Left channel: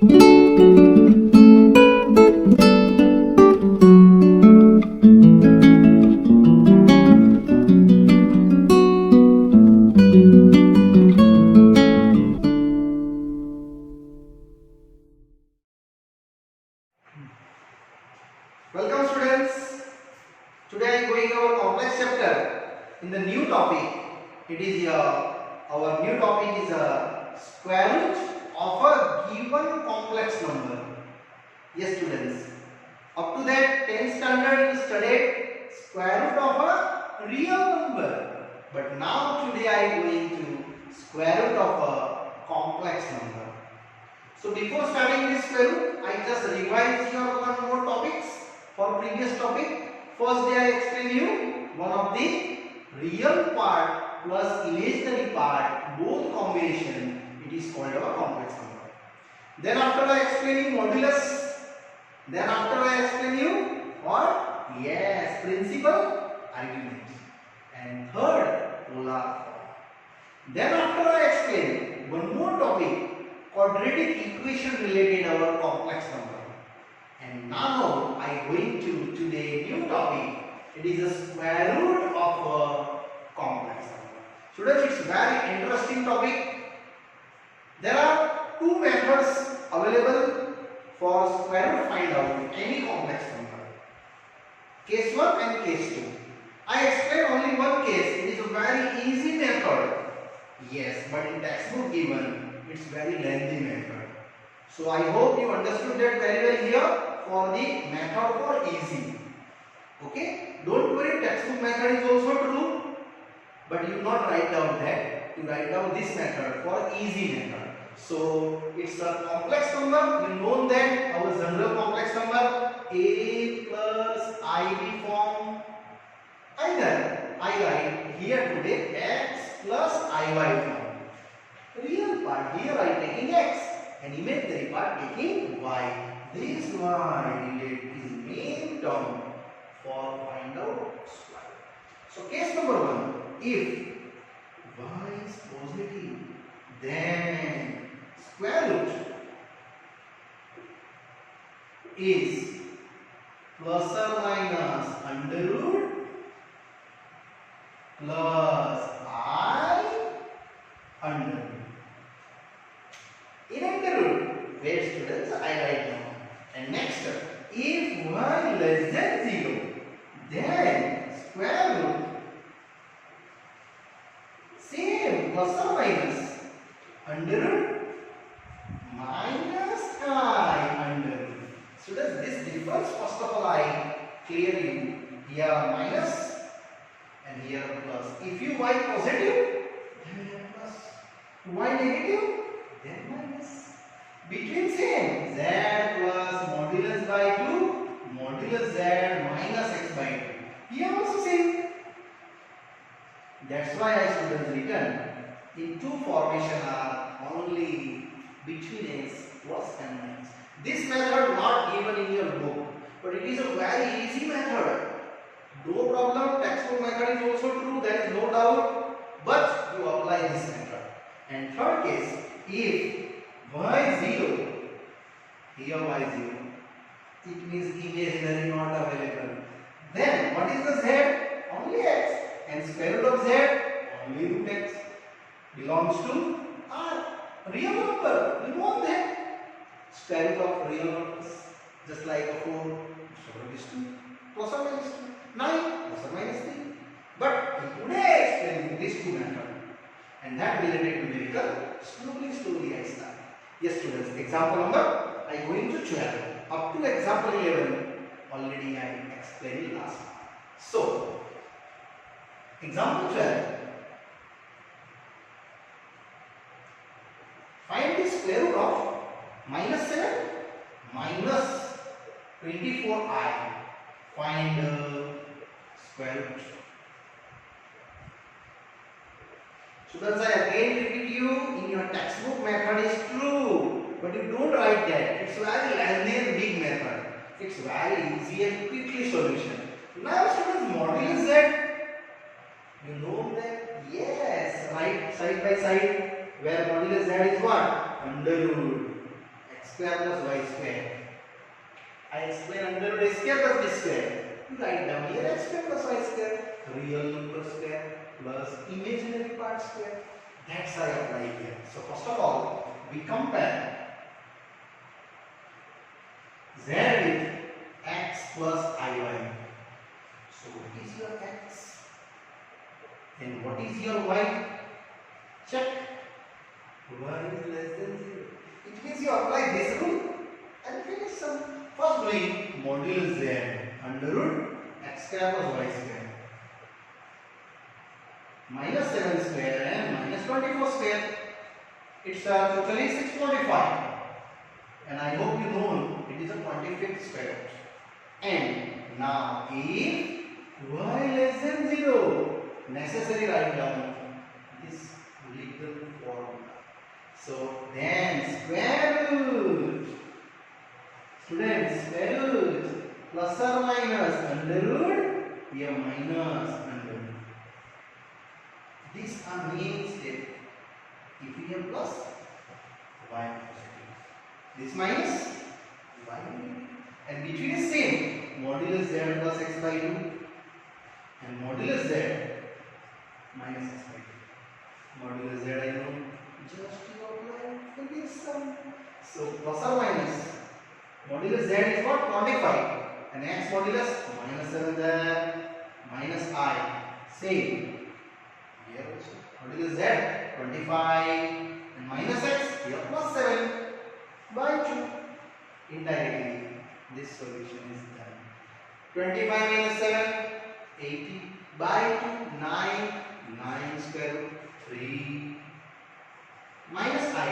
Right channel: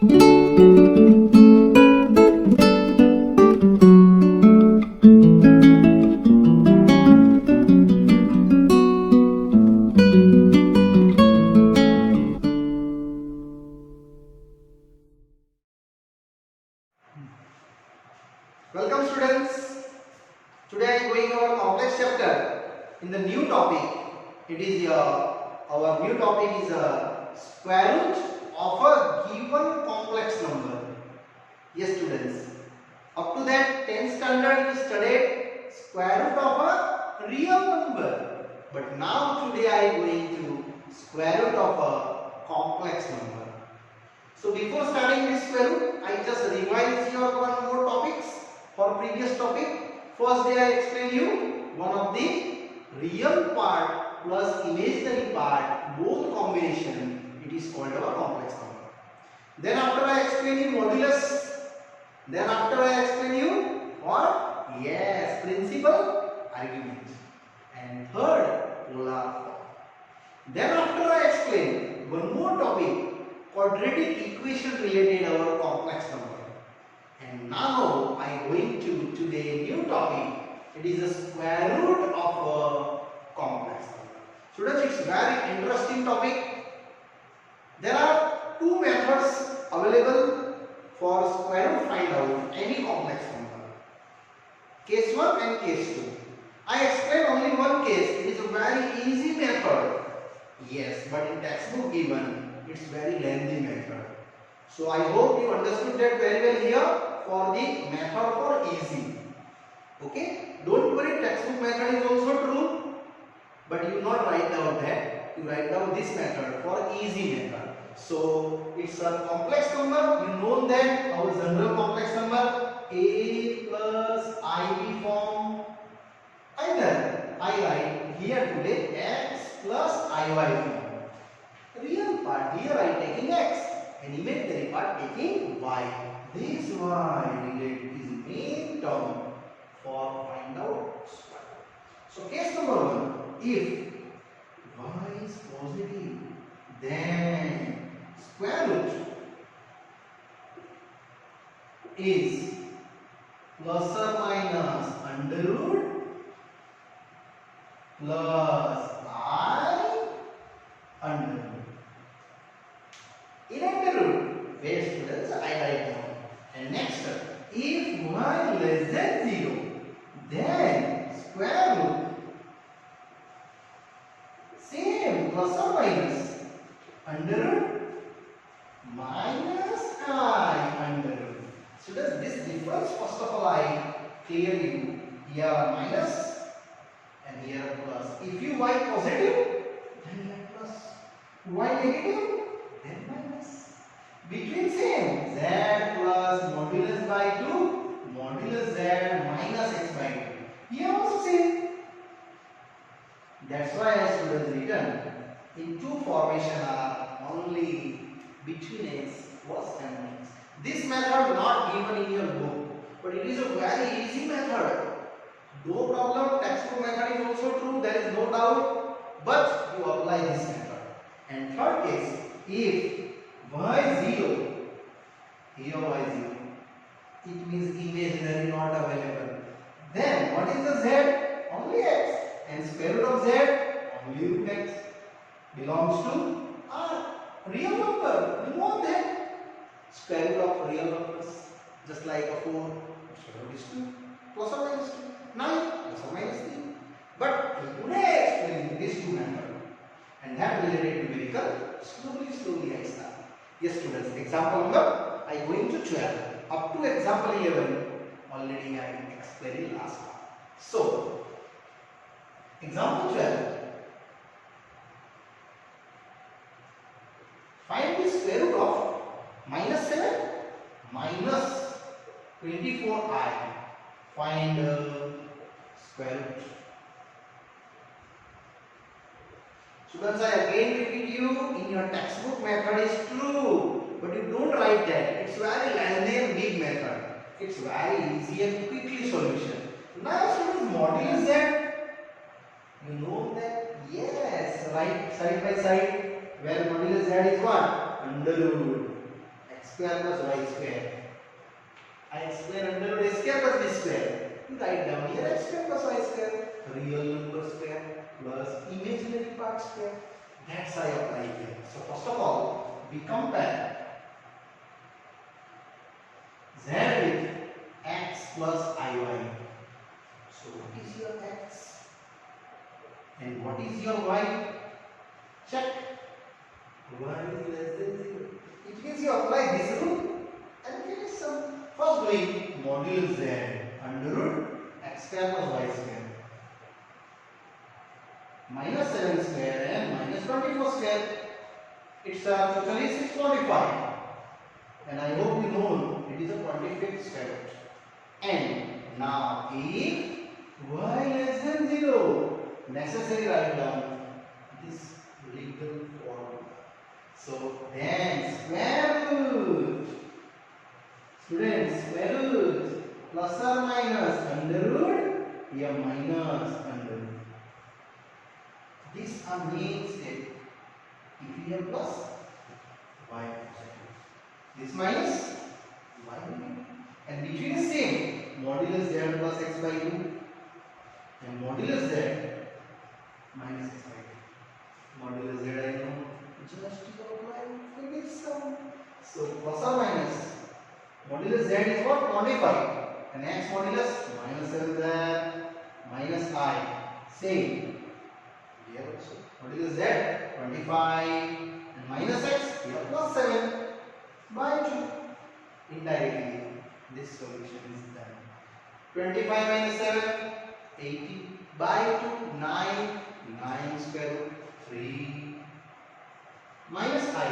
Welcome students. Today I am going our complex chapter in the new topic. It is our new topic is square root of a given complex number. Yes students. Up to that 10th standard you studied square root of a real number. But now today I am going to square root of a complex number. So before starting this square root, I just revise your one more topics for previous topic. First day I explain you one of the real part plus imaginary part, both combination, it is called a complex number. Then after I explain you modulus. Then after I explain you what? Yes, principal argument. And third, polar form. Then after I explain one more topic, quadratic equation related our complex number. And now I am going to today new topic. It is a square root of a complex number. Students, it's very interesting topic. There are two methods available for square root find out any complex number. Case 1 and case 2. I explain only one case. It is a very easy method. Yes, but in textbook given, it's very lengthy method. So I hope you understood that very well here for the method for easy. Okay? Don't worry, textbook method is also true, but you not write down that. You write down this method for easy method. So it's a complex number. You know that our general complex number a plus ib form. Either I write here today x plus iy form. Real part here I am taking x and imaginary part taking y. This y relate is main term for find out square. So case number 1, if y is positive, then square root is plus or minus under root plus I under root. In under root, where students I write down. And next, if y less than 0, then square root same plus or minus under root minus I under root. Students, this difference first of all I clear you. Here minus and here plus. If you y positive, then here plus. Y negative, then minus. Between same z plus modulus by 2 modulus z minus x by 2. Here also same. That's why I students written in two formation are only between x plus and minus. This method not given in your book, but it is a very easy method. No problem, textbook method is also true, there is no doubt, but you apply this method. And third case, if y is 0, here y is 0, it means imaginary not available. Then what is the z? Only x. And square root of z? Only root x. Belongs to R. Real number. You know that. Square root of real numbers. Just like a 4, square root is 2. Plus or minus 2. 9, plus or minus 3. But today explaining this two method. And that related numerical. Slowly I start. Yes students, example number I going to 12. Up to example 11 already I explained last time. So example 12. Find the square root of minus 7 minus 24i. Find square root. Students, I again repeat you, in your textbook method is true, but you don't write that. It's very lengthy and big method. It's very easy and quickly solution. Now students, modulus z. You know that? Yes, right side by side, where modulus z is what? Under root x square plus y square. X square under root a square plus b square. You write down here x square plus y square. Real number square plus imaginary part square. That's I apply here. So first of all, we compare z with x plus iy. So what is your x and what is your y? Check. Y is less than 0. It means you apply this rule and finish some. First doing modulus z under root x square plus y square minus 7 square and minus 24 square. It's totally 625 and I hope you know it is a 25th square root. And now if y less than 0, necessary write down this little formula. So then square root, students, square root plus or minus under root, here minus under root. These are main step. If we have plus, y positive. This minus, y negative. And between is same. Modulus z plus x by 2 and modulus z minus x by 2. Modulus z I know. Just to apply, finish some. So plus or minus. Modulus z is what? 25. And x modulus minus 7 there. Minus I. Same. Here also. Modulus z 25 and minus x here plus 7 by 2. Indirectly this solution is done. 25 minus 7 80 by 2 9 9 square root 3 minus I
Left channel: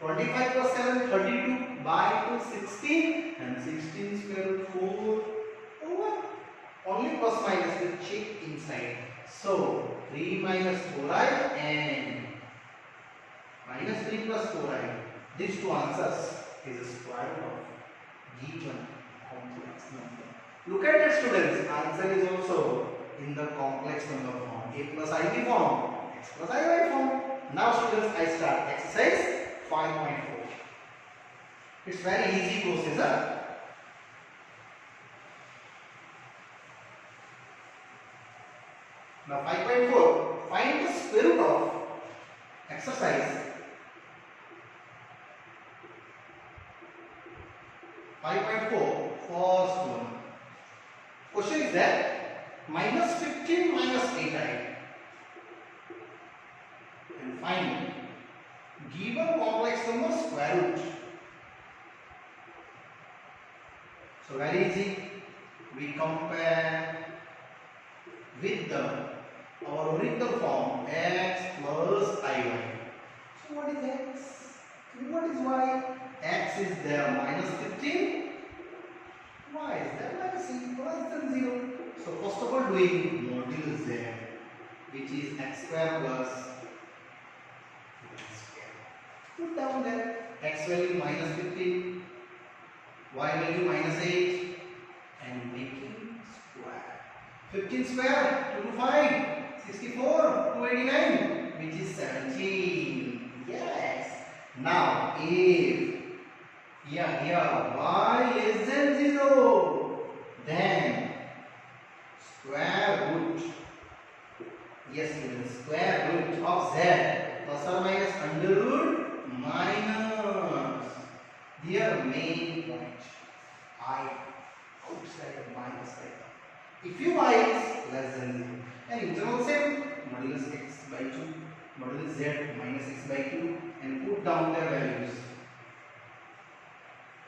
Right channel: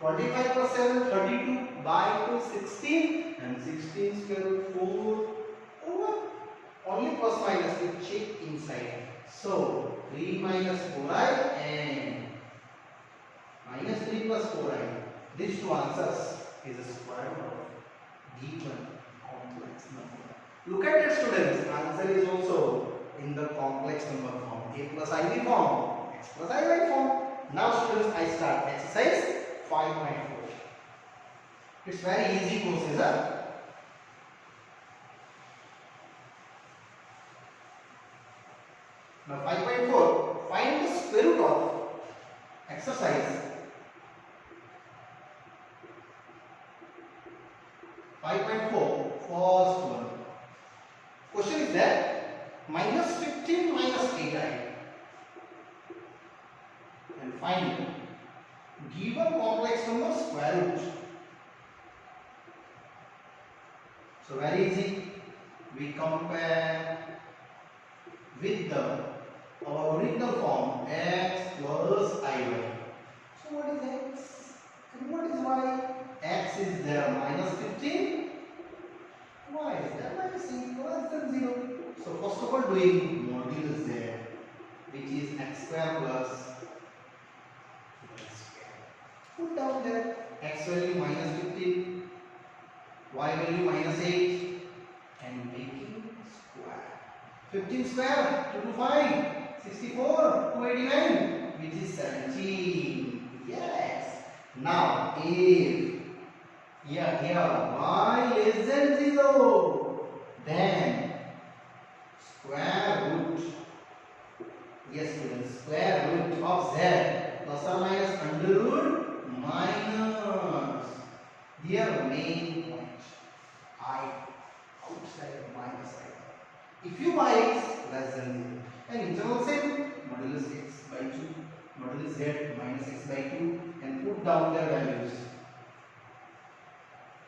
25 plus 7 32 by 2 16 and 16 square root 4 over only plus minus you check inside. So 3 minus 4i and minus 3 plus 4i. These two answers is a square root of given complex number. Look at it, students. Answer is also in the complex number form. A plus ib form, x plus iy form. Now students, I start exercise 5.4. It's very easy procedure. Now 5.4, find the square root of exercise 5.4. First one. Question is that minus 15 minus 8i and find given complex number square root. So very easy. We compare with our original form x plus iy. So what is x and what is y? X is there minus 15. Y is there minus 8 less than 0. So first of all doing modulus z, which is x square plus y square. Put down there x value minus 15, y value minus 8 and making square. 15 square 2 to 5, 64, 289, which is 17. Yes. Now if here y less than 0, then square root, yes students, square root of z plus or minus under root minus, here main point, I outside minus I. If you y is less than 0, and internal same, modulus x by 2, modulus z minus x by 2 and put down their values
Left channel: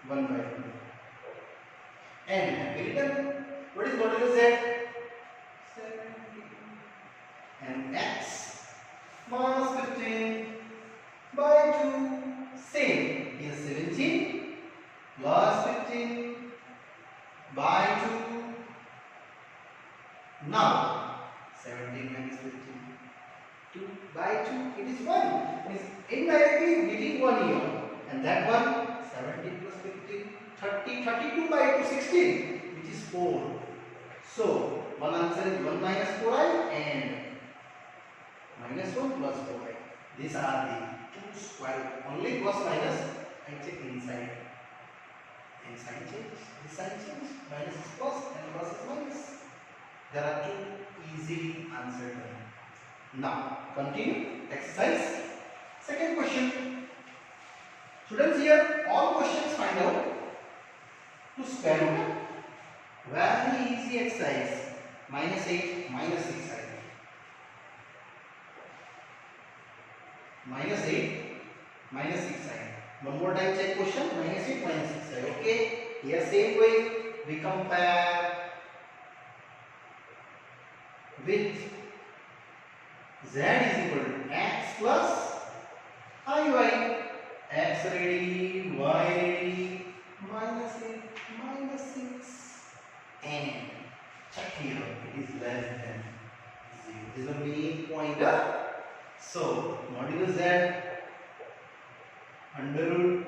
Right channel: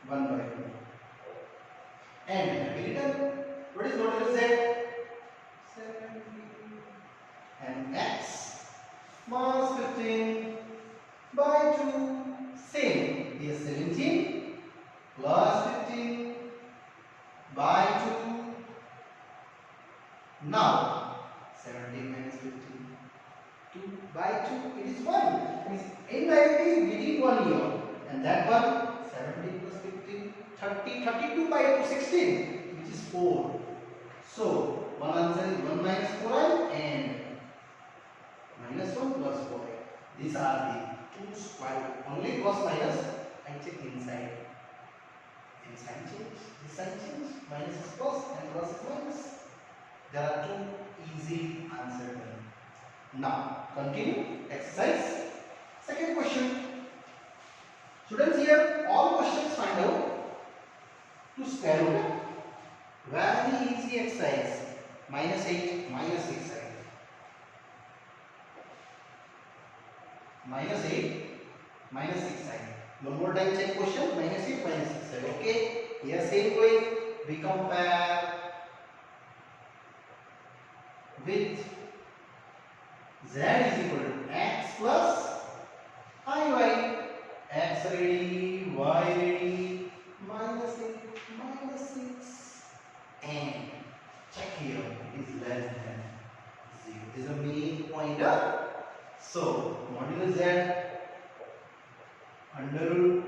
1 by 2. And written, what is modulus z? 17. And x minus 15 by 2. Same. Here 17 plus 15 by 2. Now 17 minus 15. 2 by 2. It is 1. Means indirectly getting 1 here. And that one 17 plus 15, 30, 32 by 2, 16, which is 4. So, one answer is 1 minus 4i and minus 1 plus 4i. These are the two square root. Only plus minus I check inside. minus is plus and plus is minus. There are two easy answers. Now continue exercise. Second question. Students, here all questions find out to square root. Very easy exercise. Minus 8, minus 6 side. Minus 8, minus 6 side. One more time check question. Minus 8, minus 6 side. Okay. Here same way we compare with z is equal to x plus iy. X ready, y ready, minus 8, minus 6, and check here, it is less than 0. This is the main pointer. So, modulus z under root,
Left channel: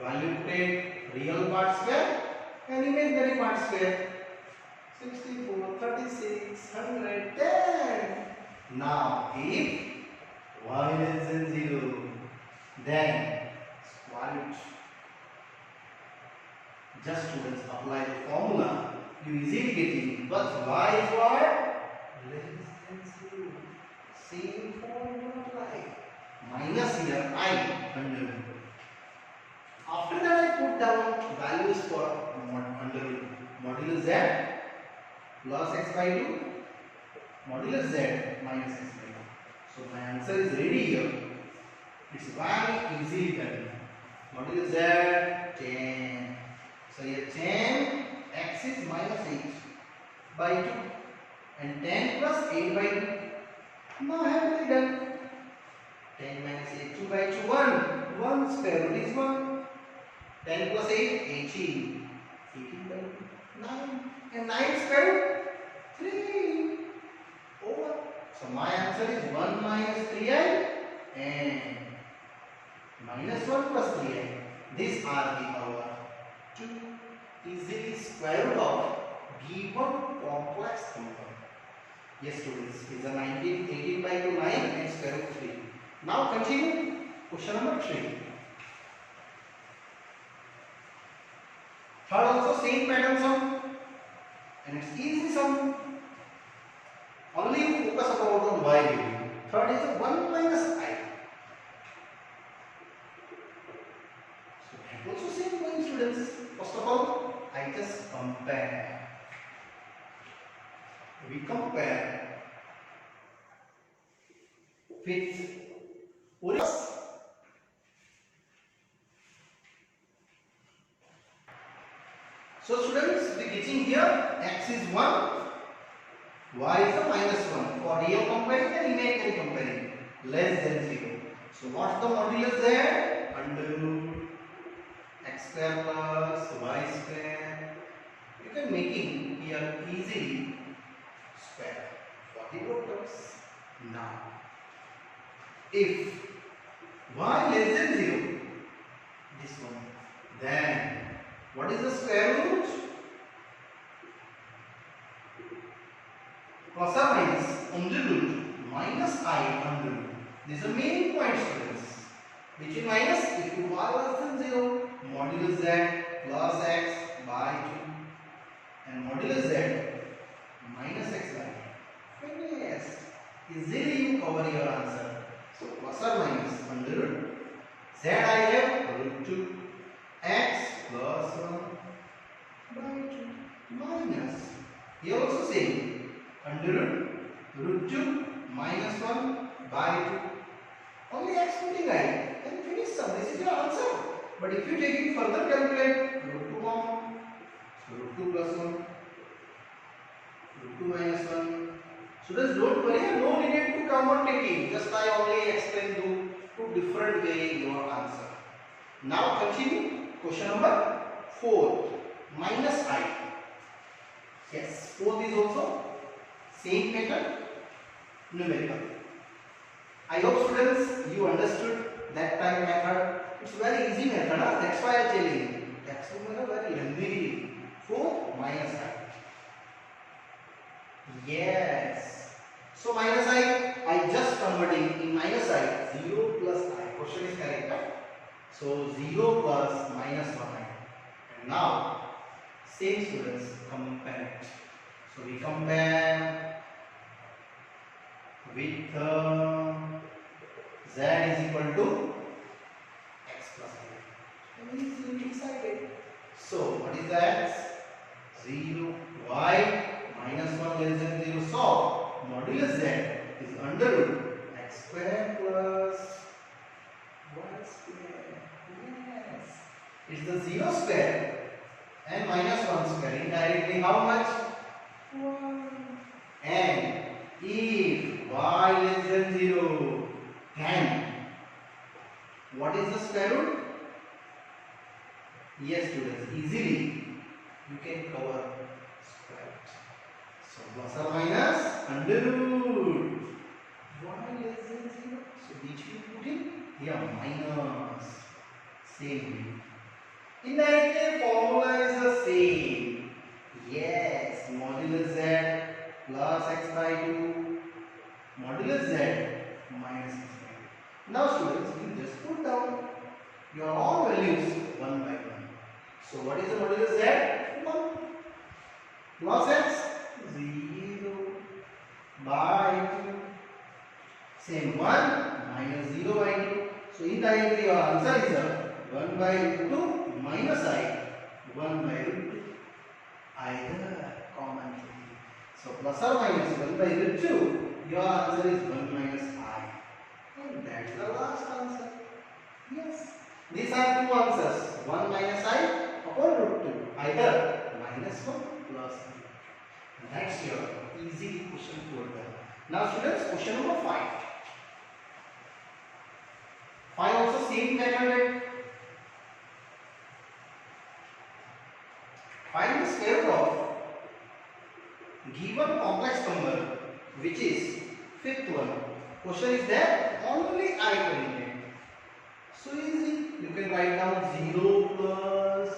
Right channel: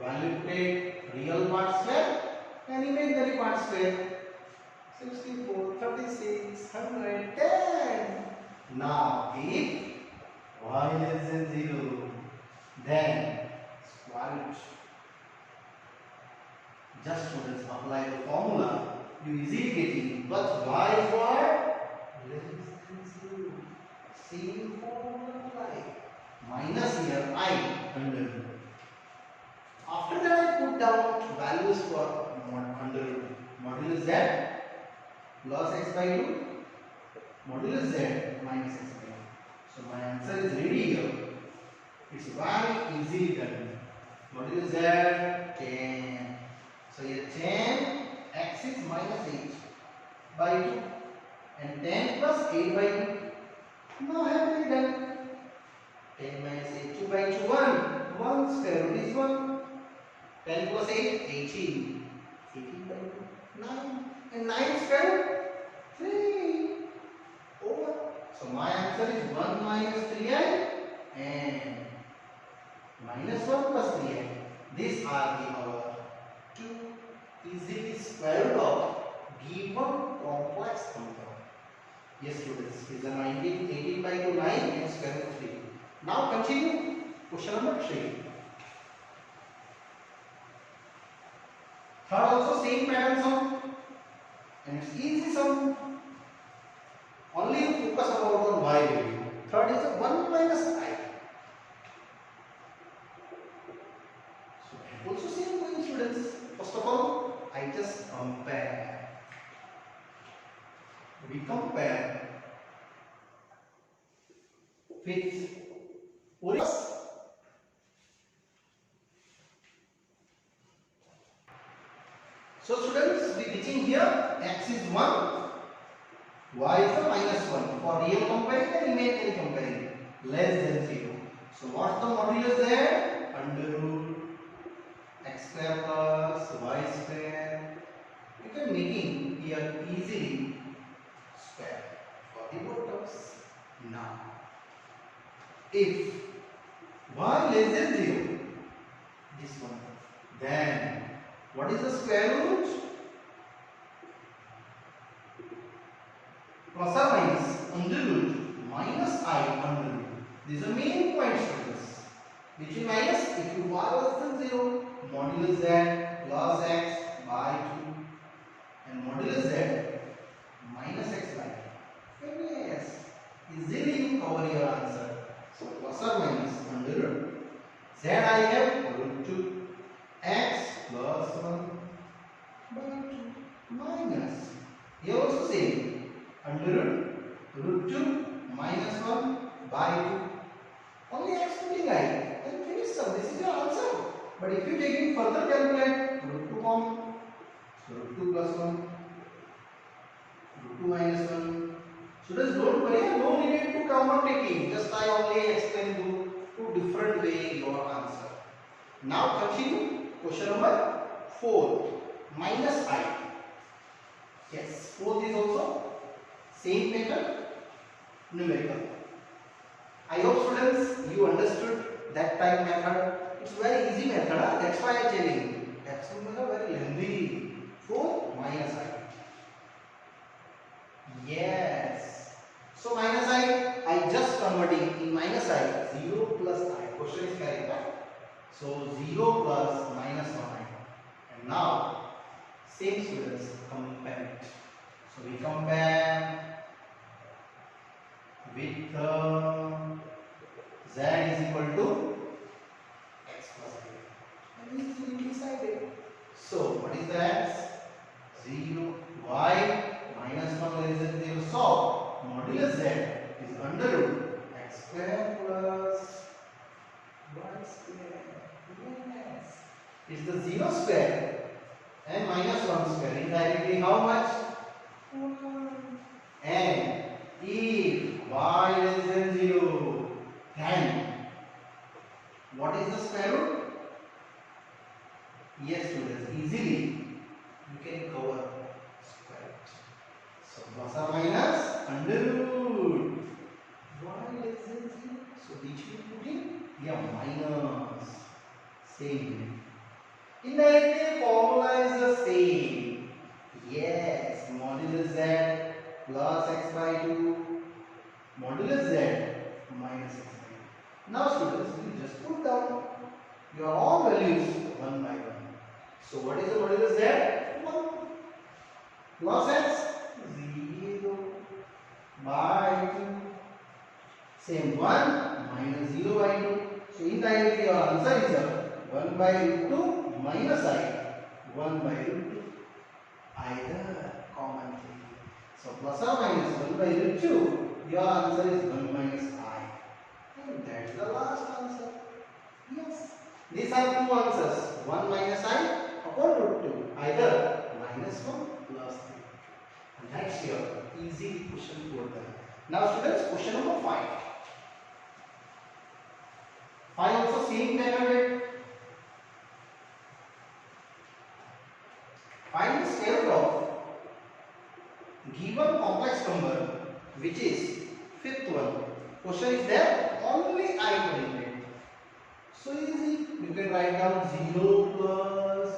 value take real part square and imaginary part square. 64, 36, 110. Now, if y less than 0, then square root. Just students apply the formula. You easily get it. But y is what? Less than 0. Same formula apply. Minus here I under root. After that I put down values for under root. Modulus z plus x by 2. Modulus z minus x by 2. So my answer is ready here. It's very easily done. Modulus z 10. So here 10, x is minus 8 by 2 and 10 plus 8 by 2. Now I have already done. 10 minus 8, 2 by 2, 1. 1 square root is 1. 10 plus 8, 18. 18 by 2, 9. And 9 square root, 3. Over. So my answer is 1 minus 3i and minus 1 plus 3i. These are our two easily square root of given complex number. Yes, students, is a 19, 18 by 2, 9 and square root 3. Now continue question number 3. Third also same pattern sum and it's easy sum. Only you focus about the y value. Third is a 1 minus I. So also same way, students. First of all, I just compare. We compare with Urus. So students, we getting here x is 1, y is a minus 1 for real comparing and imaginary comparing, less than 0. So what's the modulus there? Under root x square plus y square. You can making here easily square for the both terms. Now, if y less than 0, this one, then what is the square root? Plus or minus under root minus I under root. This is the main point, students. Between minus, if you y less than 0, modulus z plus x by 2 and modulus z minus x by 2. Yes, easily you cover your answer. So plus or minus under root z I have root 2 x plus 1 by 2 minus. Here also same. Under root 2 minus 1 by 2. Only x putting I and finish sum. This is your answer. But if you take it further, calculate root 2 common. So root 2 plus 1. Root 2 minus 1. Students, don't worry. No need to come on taking. Just I only explain you two different way your answer. Now continue. Question number 4. Minus I. Yes, 4th is also same pattern, numerical. I hope students you understood that type method. It's very easy method. That's why I tell you. Textbook method very lengthy. 4 minus I. Yes. So minus I just converting in minus I. 0 plus I. Question is correct. Right? So 0 plus minus 1 I. And now same students. So we compare with z is equal to x plus a. And easily decided. So what is the x? 0, y minus 1 less than 0. So modulus z is under root x square plus y square. Yes. It's the 0 square and minus 1 square. Indirectly how much? 1. And if y less than 0, then what is the square root? Yes, students, easily you can cover square root. So plus or minus under root y less than 0. So which we put in? Yeah, minus. Same. Indirectly formula is the same. Yes, modulus z plus x by 2, modulus z minus x by 2. Now students, you just put down your all values one by one. So what is the modulus z? 1 plus x 0 by 2. Same 1 minus 0 by 2. So indirectly your answer is 1 by root 2 minus I 1 by root 2. Either common thing. So plus or minus 1 by root 2, your answer is 1 minus I. And that is the last answer. Yes. These are two answers. 1 minus I upon root 2. Either minus 1 plus 3. That's your easy question 4 done. Now students, question number 5. 5 also same method. Find the square root of given complex number which is fifth one. Question is there, only I coordinate. So easy, you can write down 0 plus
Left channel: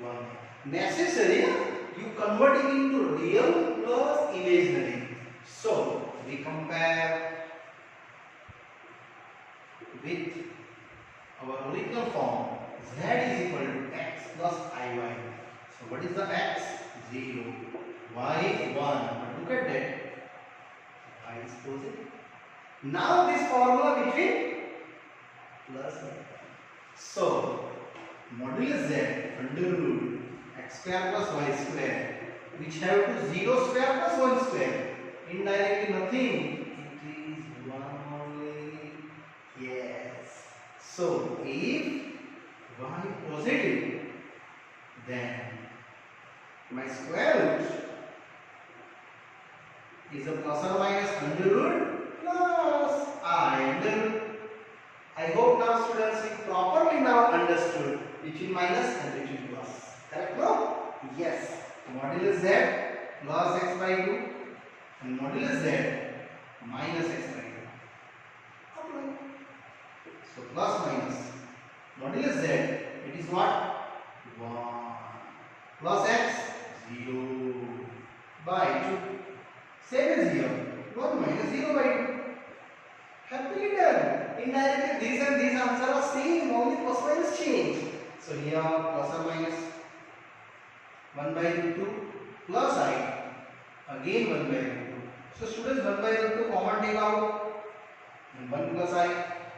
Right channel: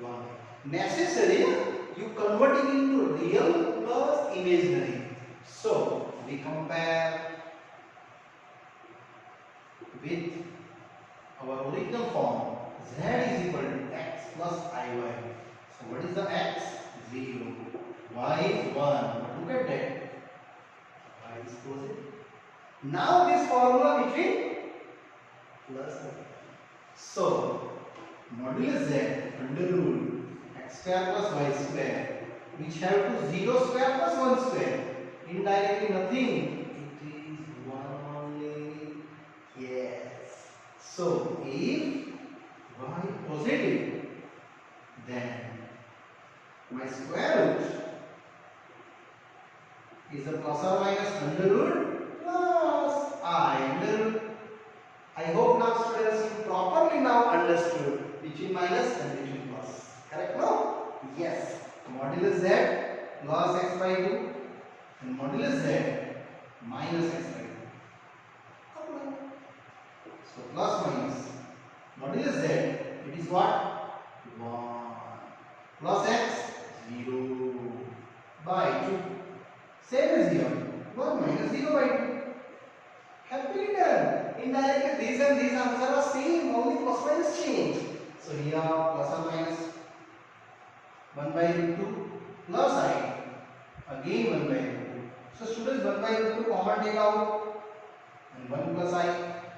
1. Necessary, you convert it into real plus imaginary. So we compare with our original form. Z is equal to x plus iy. So what is the x? 0. Y is 1. But look at that. I is positive. Now this formula between plus and so modulus z under root x square plus y square, which have to 0 square plus 1 square. Indirectly nothing. It is 1 only. Yes. So if y positive, then my square root is a plus or minus under root plus I under root. I hope now students you properly now understood between minus and between plus. Correct now? Yes. Modulus z plus x by 2 and modulus z minus x by 2. Apply. So plus minus. Modulus z, it is what? 1. Plus x 0 by 2. Same as here. 1 minus 0 by 2. Happily done. Indirectly these and these answers are same, only plus minus change. So here plus or minus 1 by root 2 plus I again 1 by root 2. So students 1 by root 2 common take out and 1 plus I.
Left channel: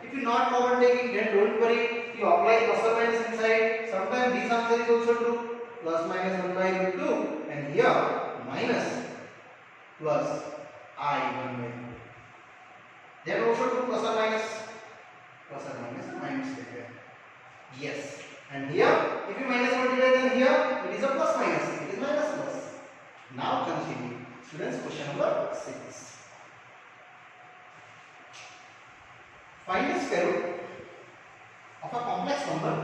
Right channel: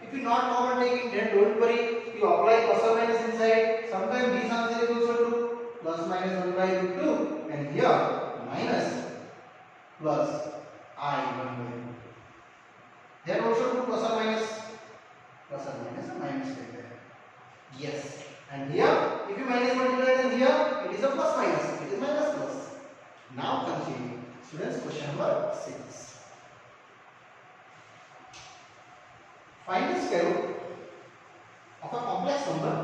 If you not common taking, then don't worry, you apply plus or minus inside. Sometimes this answer is also true. Plus minus 1 by root 2 and here minus plus I 1 by root 2. Then also true plus or minus or minus is there. Yes. And here if you minus multiply, then here it is a plus minus, it is minus plus. Now continue. Students, question number 6. Find the square root of a complex number.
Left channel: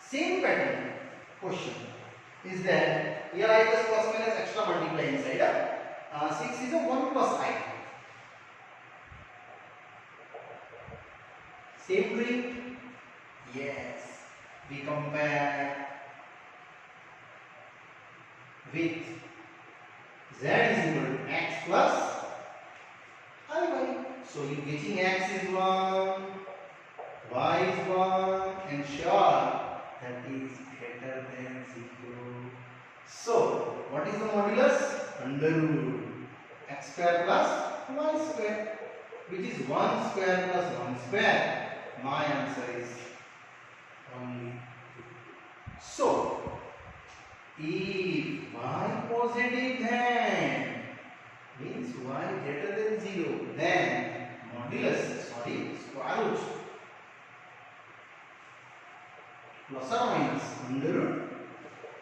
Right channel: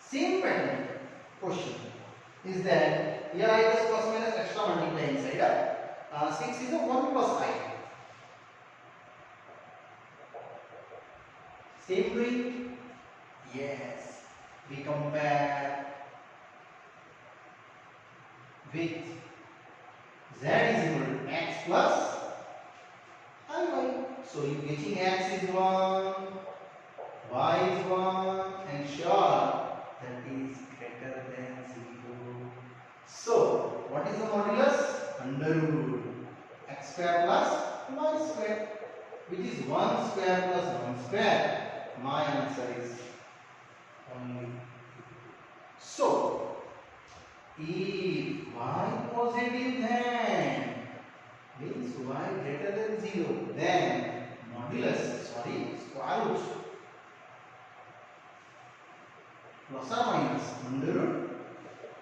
Same pattern question is that here I just plus minus extra multiply inside. 6 is a 1 plus I. Same doing? Yes. We compare with z is equal to x plus iy. So you getting x is 1, y is 1, and sure that is greater than 0. So what is the modulus? Under root x square plus y square, which is 1 square plus 1 square. My answer is only 2. So, if y positive, then means y greater than 0, then square root plus or minus under root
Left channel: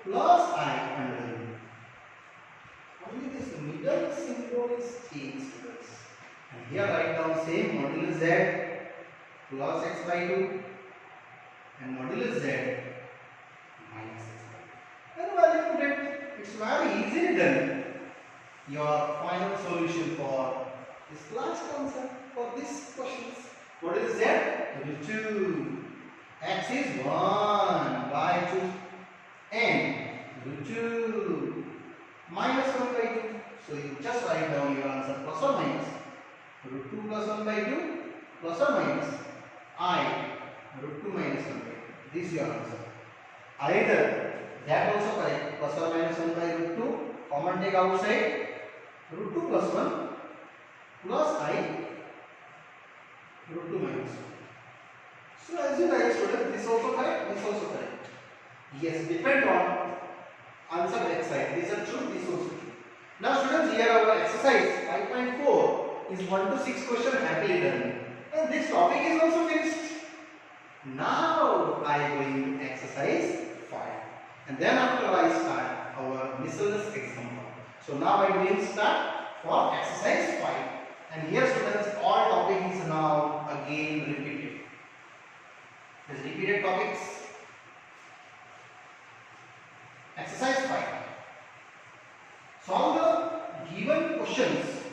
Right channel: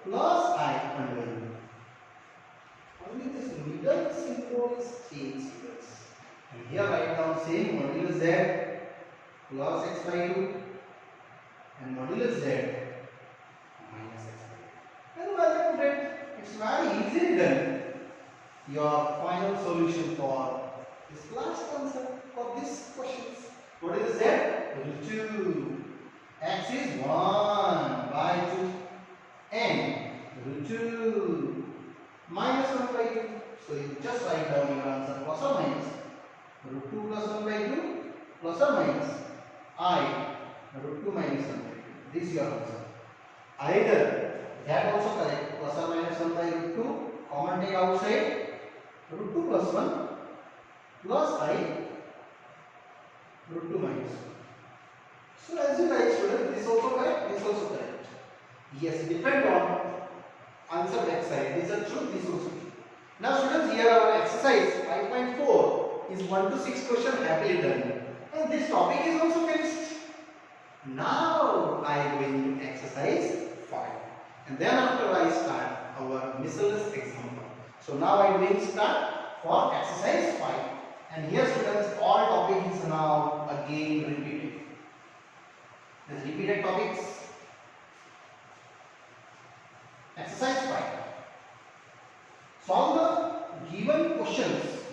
plus I under root. Only this middle symbol is changed to this. And here write down same modulus z plus x by 2 and modulus z minus x by 2. And value put it. It's very easily done. Your final solution for this last answer for this questions. What is z? Root 2. X is 1 by 2 and root 2 minus 1 by 2. So you just write down your answer plus or minus root 2 plus 1 by 2 plus or minus I root 2 minus 1 by 2. This is your answer. Either that also correct, plus or minus 1 by root 2, common take outside, root 2 plus 1 plus I root 2 minus 1. So as you write, student, this also correct, this also correct. Yes, depend on answer back side. These are true, this also true. Now students, here our exercise 5.4 is 1 to 6 question happily done. And this topic is also finished. Now I am going to exercise 5. And then after I start our miscellaneous example. So now I will start for exercise 5. And here students, all topic is now again repeated. These repeated topics. Exercise 5. Solve the given questions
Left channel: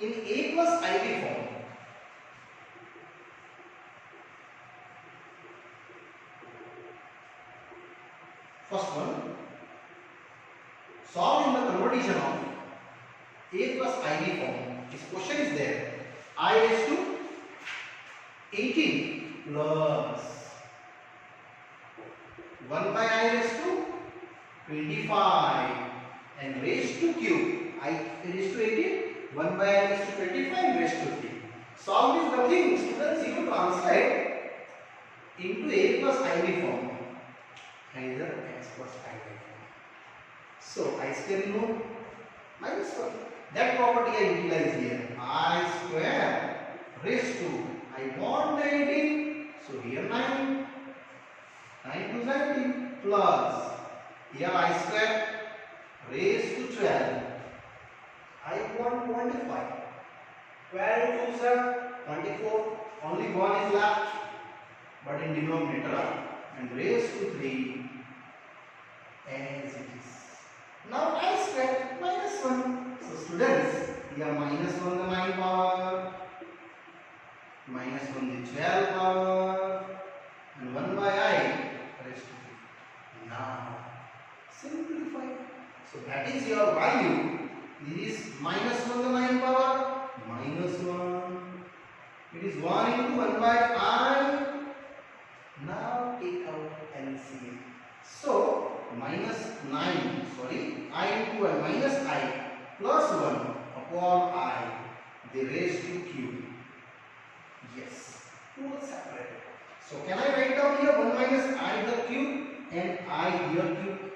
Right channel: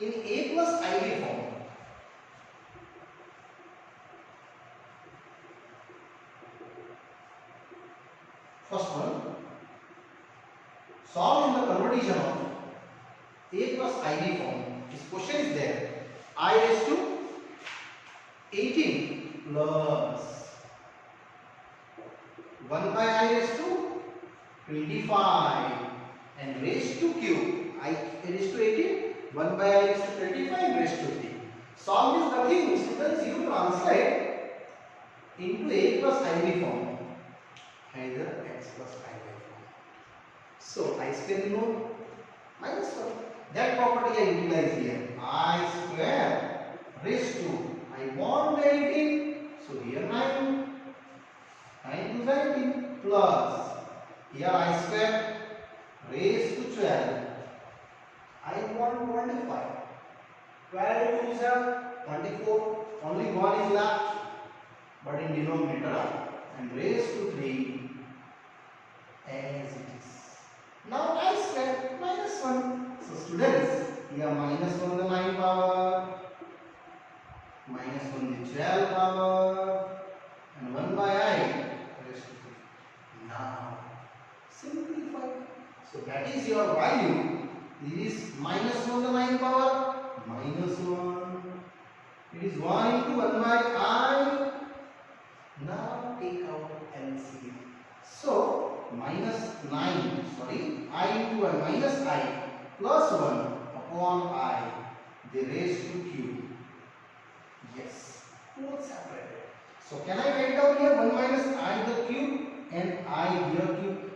in A plus IV form. First one. Solve in the conversion of A plus IV form. This question is there. I raised to 18 plus 1 by I raised to 25 and raised to cube. I raised to 18, 1 by I raised to 25 raised to 3. Solve is nothing, students, you translate into A plus IV form. Either x plus IV form. So I still know minus 1. That property I utilize here. I square raised to, I want 18. So here 9. 9 to 19 plus here I square raised to 12. I want 25. 12 to 24. Only 1 is left, but in denominator, and raised to 3 as it is. Now I square minus 1. So students, here minus 1 the 9 power, minus 1 the 12 power, and 1 by I raised to 3. Now simplify. So that is your value. This is minus 1 the 9 power, minus 1. It is 1 into 1 by I. Now take out LCM. So minus 9, I into 1 minus I plus 1 upon I, they raised to cube. Yes, both separated. So can I write down here 1 minus I the cube and I here cube?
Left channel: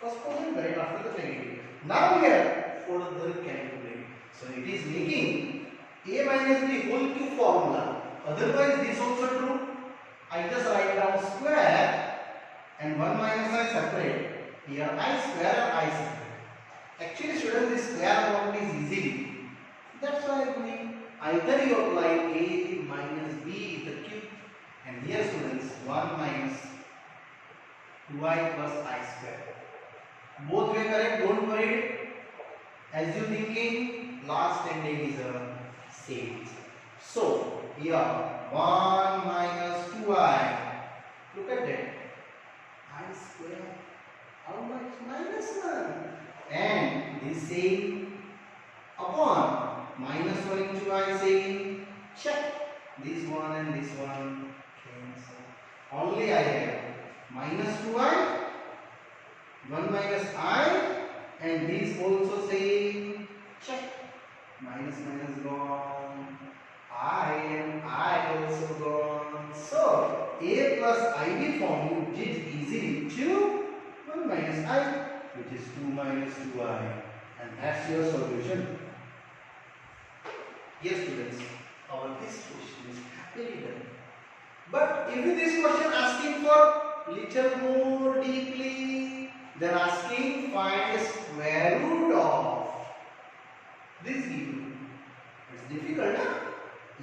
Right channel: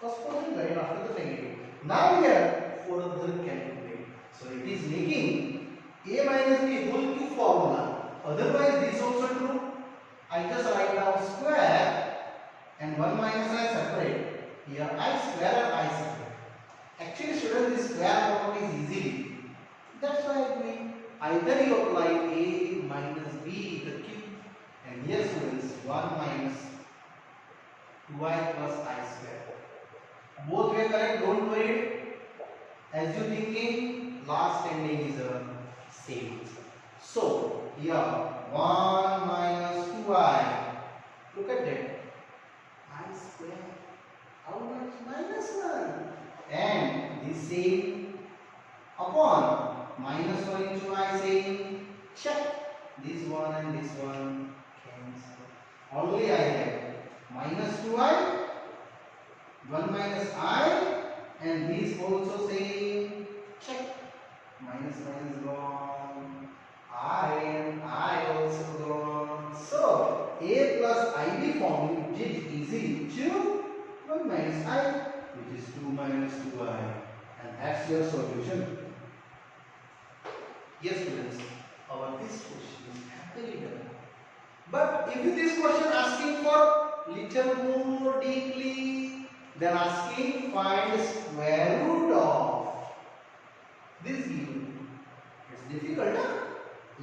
First position right after the negative. Now here further calculate. So it is making A minus B whole cube formula. Otherwise this also true. I just write down square and 1 minus I separate. Here I square and I separate. Actually students, this square property is easy. That's why I believe either you apply A minus B the cube, and here students 1 minus 2I plus I square. Both way correct, don't worry. As you thinking, last ending is a same. So here 1 minus 2I. Look at that. I square. How much? Minus 1. And this same upon minus 1 into I same. Check. This one and this one cancel. Only I have minus 2I, 1 minus I and these also same. Check. Minus minus gone. I and I also gone. So a plus ib form you did easily 2 1 minus I, which is 2 minus 2i, and that's your solution. Yes students, our this question is happily done. But if this question asking for little more deeply, then asking find square root of this given. It's difficult, huh?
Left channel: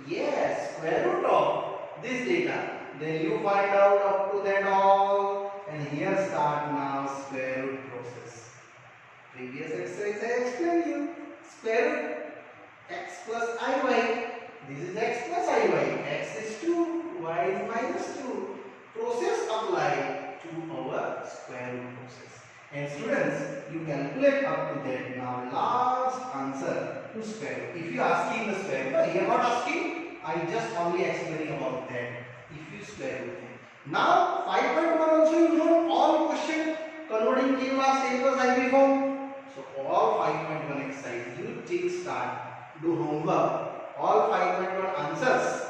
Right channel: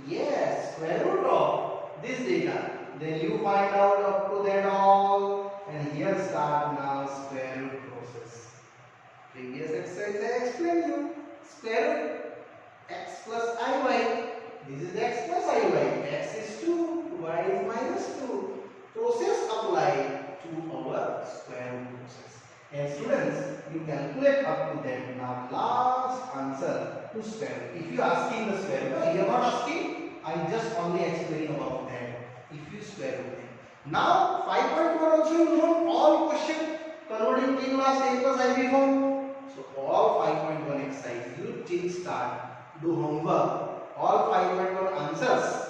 Yes, square root of this data. Then you find out up to that all, and here start now square root process. Previous exercise I explained you. Square root x plus iy. This is x plus iy. X is 2, y is minus 2. Process applied to our square root process. And students, you calculate up to that. Now last answer to square root. If you are asking the square root, you are not asking. I just only explaining about that. If you square root it. Now 5.1 also you know all question converting K class A plus IB form. So all 5.1 exercise you take start, do homework. All 5.1 answers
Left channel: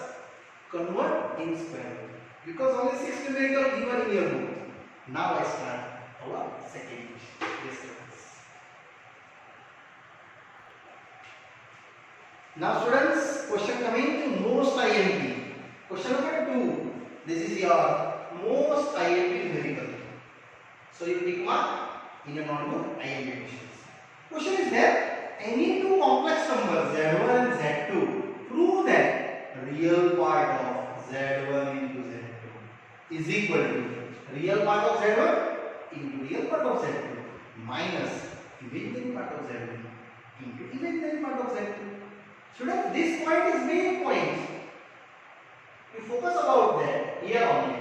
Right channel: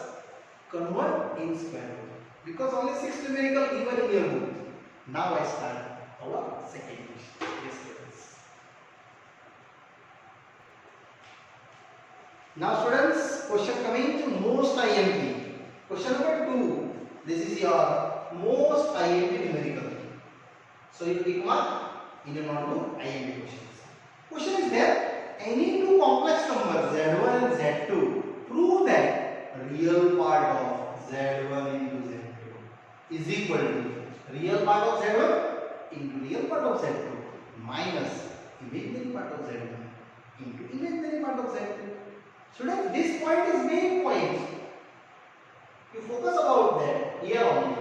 convert in square root. Because only 6 numerical given in your book. Now I start our second question. Yes, students. Now students, question coming to most IMP. Question number 2. This is your most IMP numerical. So you take mark in your notebook IMP questions. Question is there, any two complex numbers Z1 and Z2, prove that real part of Z1 into Z2 is equal to real part of Z1 into real part of Z2 minus imaginary part of Z1 into imaginary part of Z2. Students, this point is main point. You focus about that here only.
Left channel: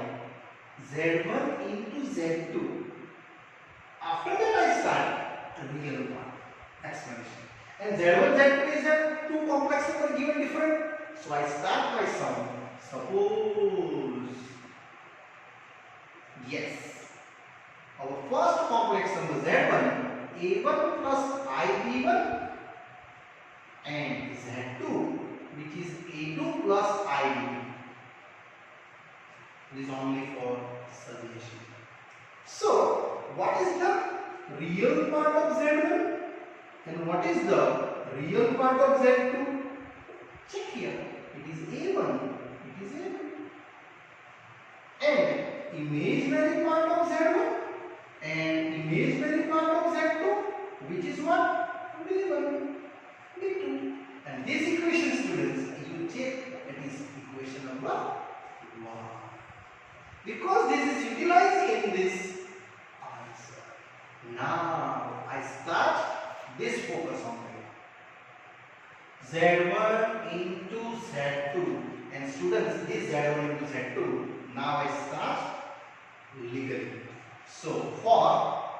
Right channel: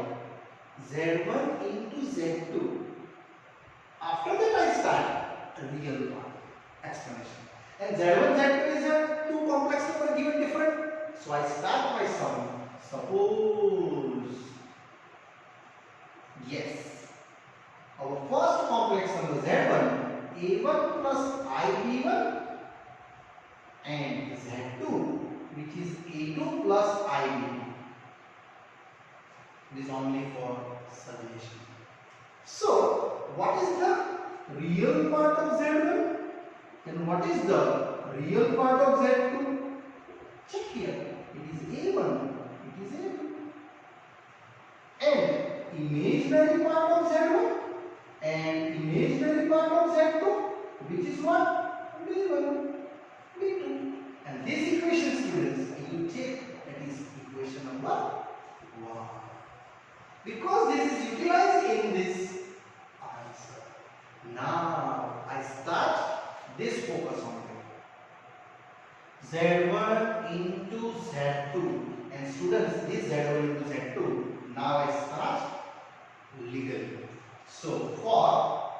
Z1 into Z2. After that I start real part explanation. And Z1, Z2 is a two complex number given different. So I start my sum. Suppose, yes, our first complex number Z1, A1 plus IB1 and Z2, which is A2 plus IB2. This is only for suggestion. So, what is the real part of Z1 and what is the real part of Z2? Check here. It is A1. It is A2. And imaginary part of Z1 and imaginary part of Z2, which is what? B1, B2. And this equation, students, you check, it is equation number 1. Because this is utilized in this answer. Now I start this focus on it. Z1 into Z2. And students, this Z1 into Z2. Now I start legally. So for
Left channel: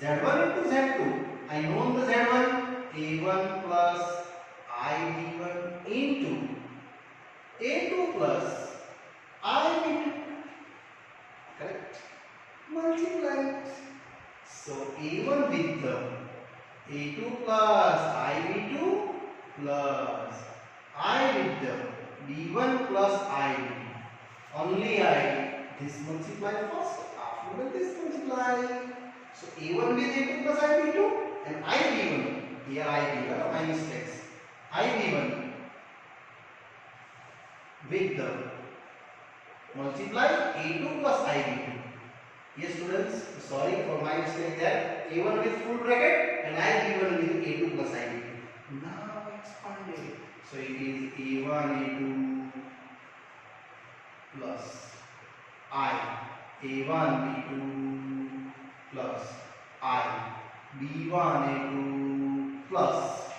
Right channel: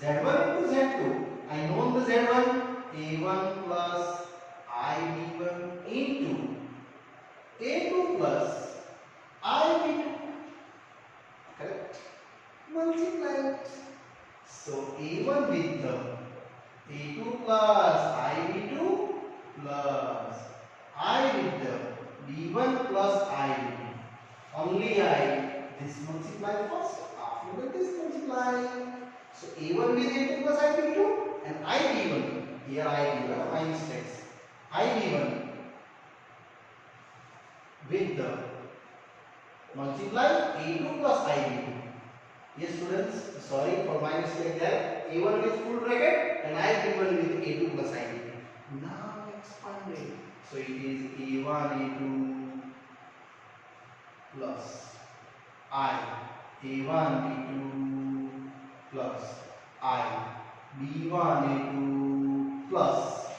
Z1 into Z2, I know the Z1 A1 plus IB1 into A2 plus IB2. Correct? Multiply it. So A1 with the A2 plus IB2 plus I with the B1 plus IB2. Only I this multiply first. After that this multiply. So A1 with A2 plus IB2 and IB1. Here IB1 my mistakes. IB1 with the multiply A2 plus IB2. Yes students, sorry for my mistake there. A1 with full bracket and IB1 with A2 plus IB2. Now expand it. So it is A1 A2 plus I A1 B2 plus I B1 A2 plus.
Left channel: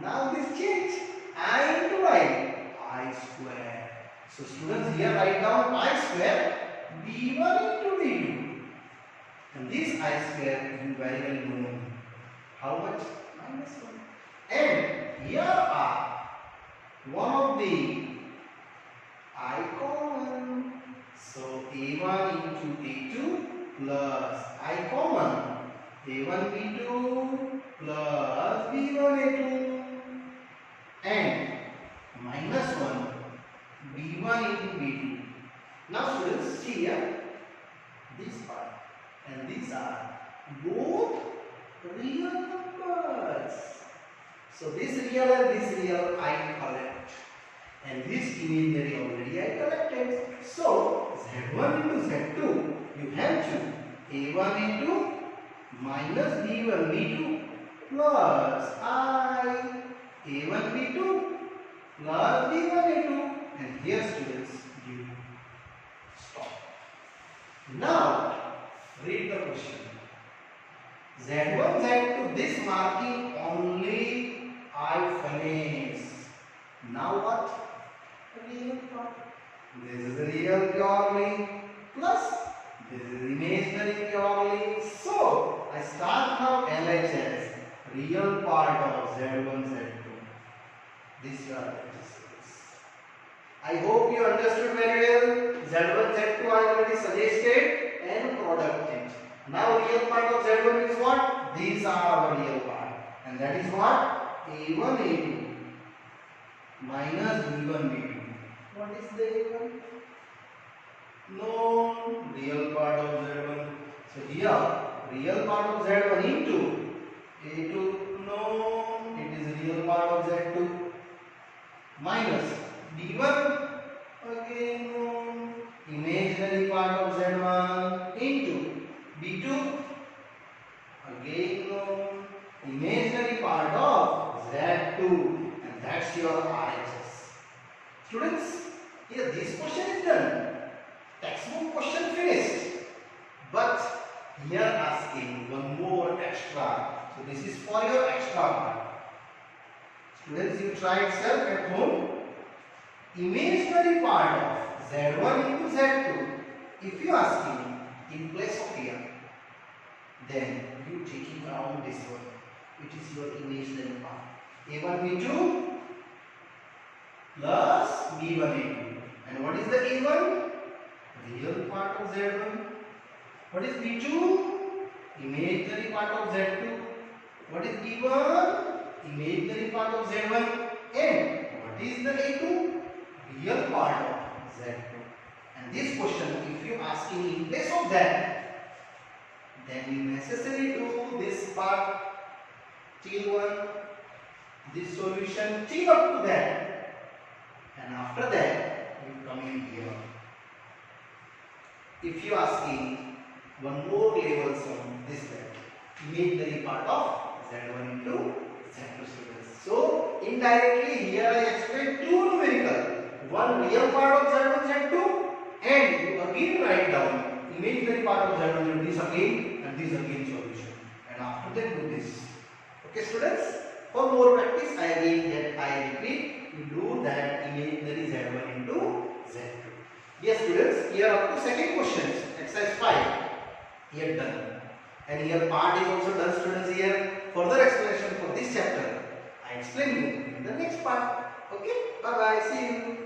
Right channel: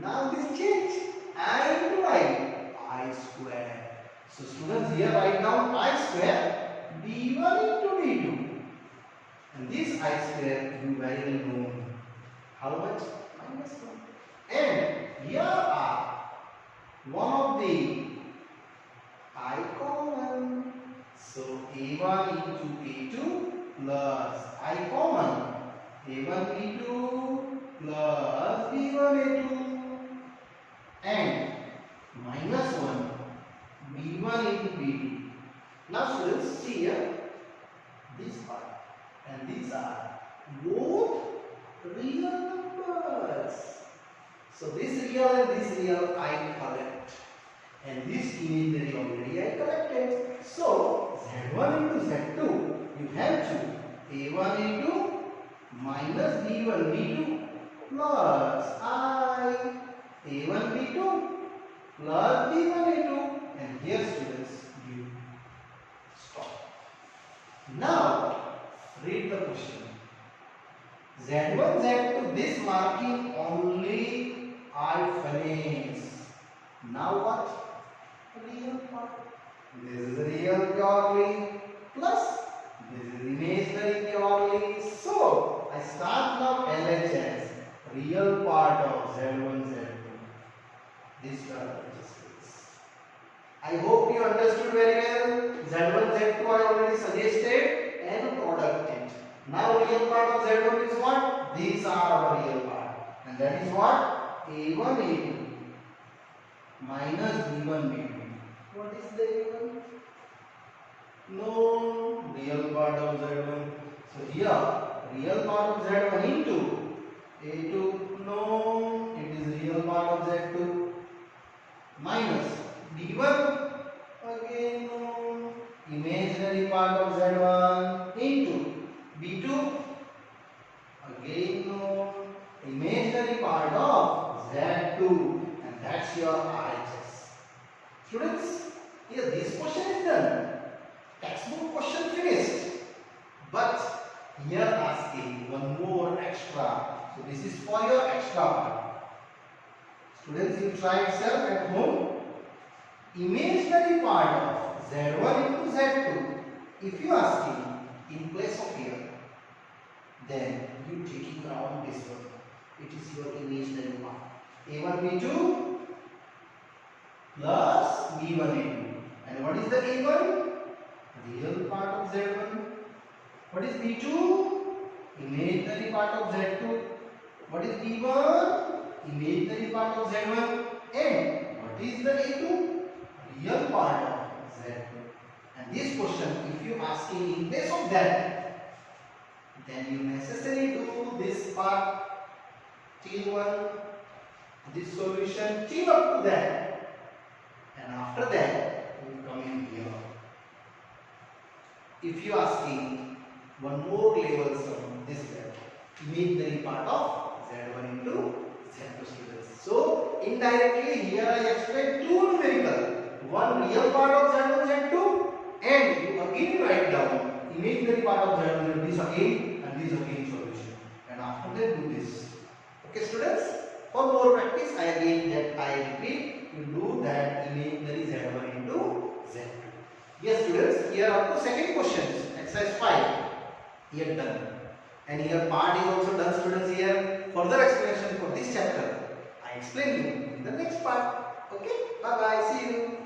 Now this change I into I square. So students, here write down I square B1 into B2. And this I square you very well know. How much? Minus 1. And here are one of the I common. So A1 into A2 plus I common. A1 B2 plus B1 A2 and minus 1 B1 into B2. Now students, see here, this part and these are both real numbers. So this real and this real I collect, and this imaginary already I collected. So Z1 into Z2, you have to A1 into minus B1 B2 plus I A1 B2 plus B1 A2, and here students you stop. Now read the question. Z1 Z2, this marking only I finish. Now what? Real part. This is real purely plus this is imaginary purely. So I start now LHS, real part of Z1 Z2. This term is. I hope you understood very well. Z1 Z2 I already suggested and product it. Now real part of Z1 is what? These are our real part, and that is what? A1 A2 minus B1 B2. What is the A1? No, real part of Z1. So here real part of Z1 into A2. No, it is real part of Z2 minus B1. Again no, imaginary part of Z1 into B2. Again no, imaginary part of Z2, and that's your RHS. Students, here this question is done. Textbook question finished. But here asking one more extra. So this is for your extra part. Students, you try itself at home. Imaginary part of Z1 into Z2. If you asking in place of here, then you taking around this one. It is your imaginary part. A1 B2 plus B1 A2. And what is the A1? Real part of Z1. What is B2? Imaginary part of Z2. What is B1? Imaginary part of Z1. And what is the A2? Real part of Z2. And this question, if you asking in place of that, then you necessarily do this part till 1, this solution till up to that, and after that you come in here. If you asking one more level from this guy, imaginary part of Z1 into Z2 students. So indirectly here I explained two numerical, one real part of Z1 Z2, and you again write down imaginary part of Z1 this again and this again solution, and after that do this. Okay students, for more practice I repeat, you do that imaginary Z1 into Z2. Yes students, here up to second questions, exercise 5 here done, and here part is also done students. Here further explanation for this chapter I explain you in the next part. Okay, bye bye, see you.